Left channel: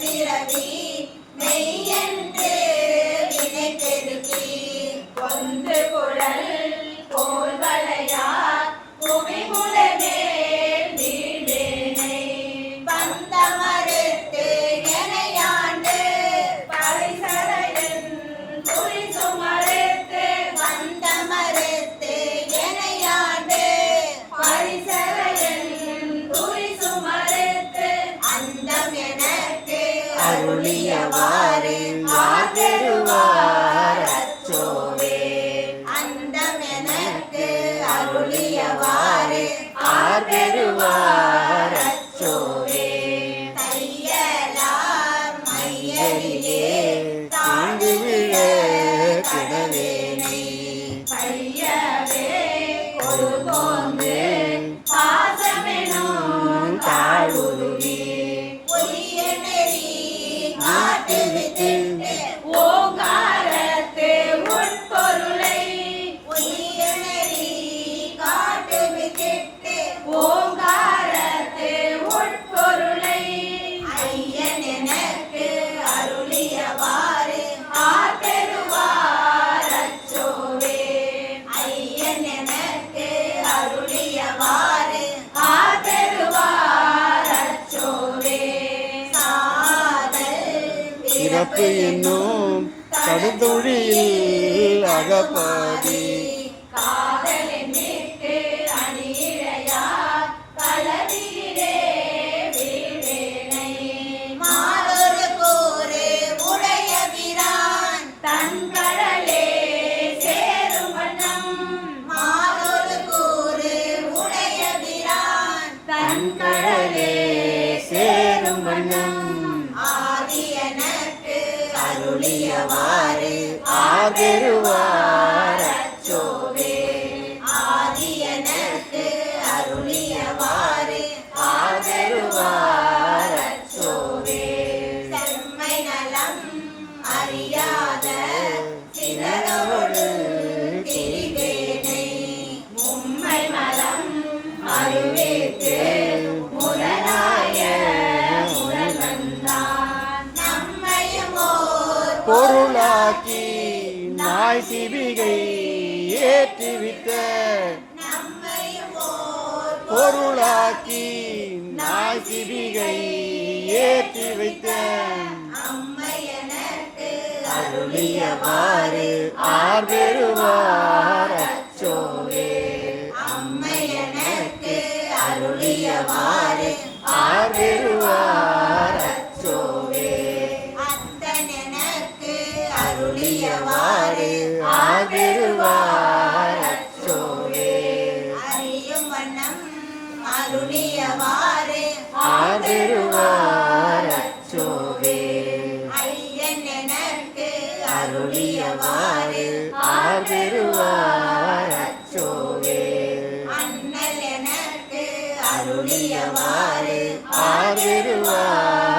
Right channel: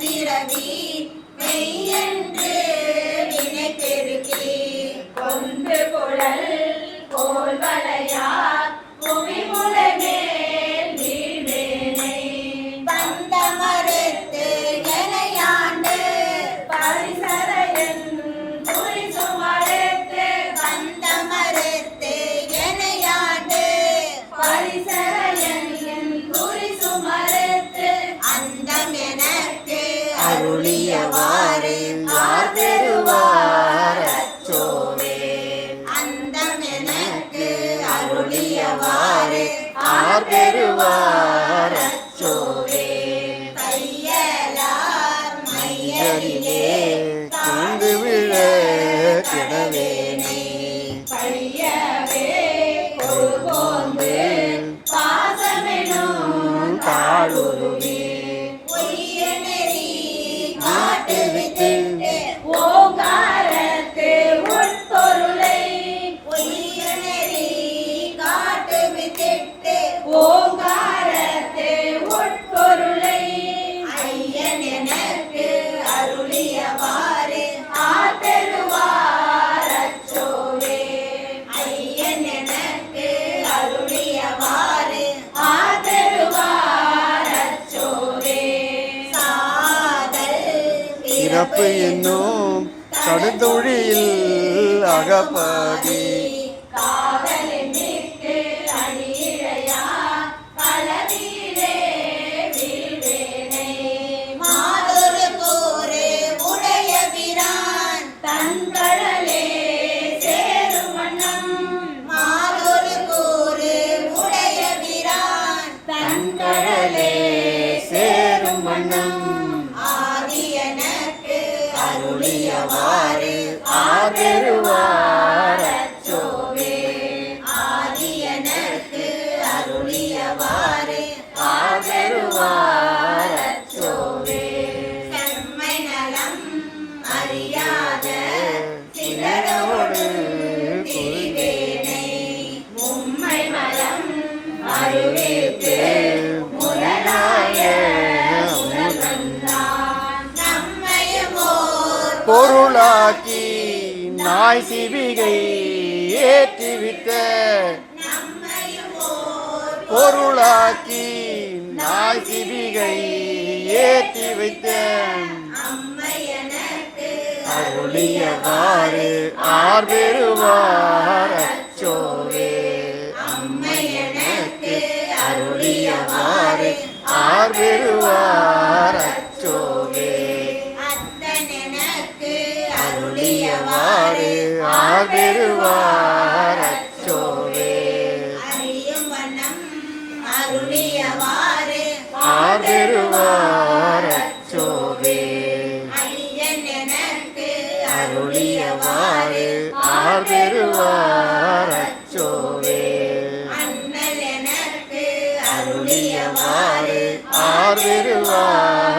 பிறவி மெய்யென்று வினை பெருக்கி கொன்று குழல் போல் வளையா குவிமுலை மேல் வீழ்வேனை பந்தமறுத்து எனையாண்டு பரிசரையன் குறி சுமறுத்து பந்தமறுத்து எனையாண்டு பரிசரையன் குறி சுமறுத்து அந்தம் எனக்கு அருளியவாறு ஆதருவார் அச்சோவே அந்தம் எனக்கு அருளியவாறு ஆதருவார் அச்சோவே தையலார் மையலிலே தாழ்ந்து விழ கிடவேனே பையவே கொடுகோந்து பாசமெனும் தாளுருவி ஓங்காரத்து உட்பொருளை ஒய்யனரி காட்டு வித்திட்டு ஓங்காரத்து உட்பொருளை ஐயன் எனக்கு அருளியவாறு ஆதருவார் அச்சோவே ஐயன் எனக்கு அருளியவாறு ஆதருவார் அச்சோவே பிறப்பு என்னும் கடுந்தொழில் அகப்பதி காவலின் மீட்டு அணியிழையா களவிலே வீழ்வேனை மாதொரு கூறு உடைய பிரான் தன்கடலே சேரும் வண்ணம் மாதொரு கூறு உடைய பிரான் தன்கடலே சேரும் வண்ணம் அருளியவாறு ஆதருவார் அச்சோவே ஆதி எனக்கு அருளியவாறு ஆதருவார் அச்சோவே செம்மை நலம் அறியாத சிலரோடு திரிவேனை மும்மை மலம் அருளித்து முரணாய பொருளாக்கி நாய் சிவிகை ஏற்றிவிட்ட பொருளாக்கி நாய் சிவிகை ஏற்றி வைத்த அருளியவாறு ஆர்வருவார் அச்சோவே அம்மை எனக்கு அருளியவாறு ஆர்வருவார் அச்சோவே அருளியவாறு ஆதருவார் அச்சோவே அறியும் வண்ணம் அருளியவாறு ஆதருவார் அச்சோவே ஐயன் எனக்கு அருளியவாறு ஆதருவார் அச்சோவே அண்ணல் எனக்கு அருளியவாறு ஆதருவார்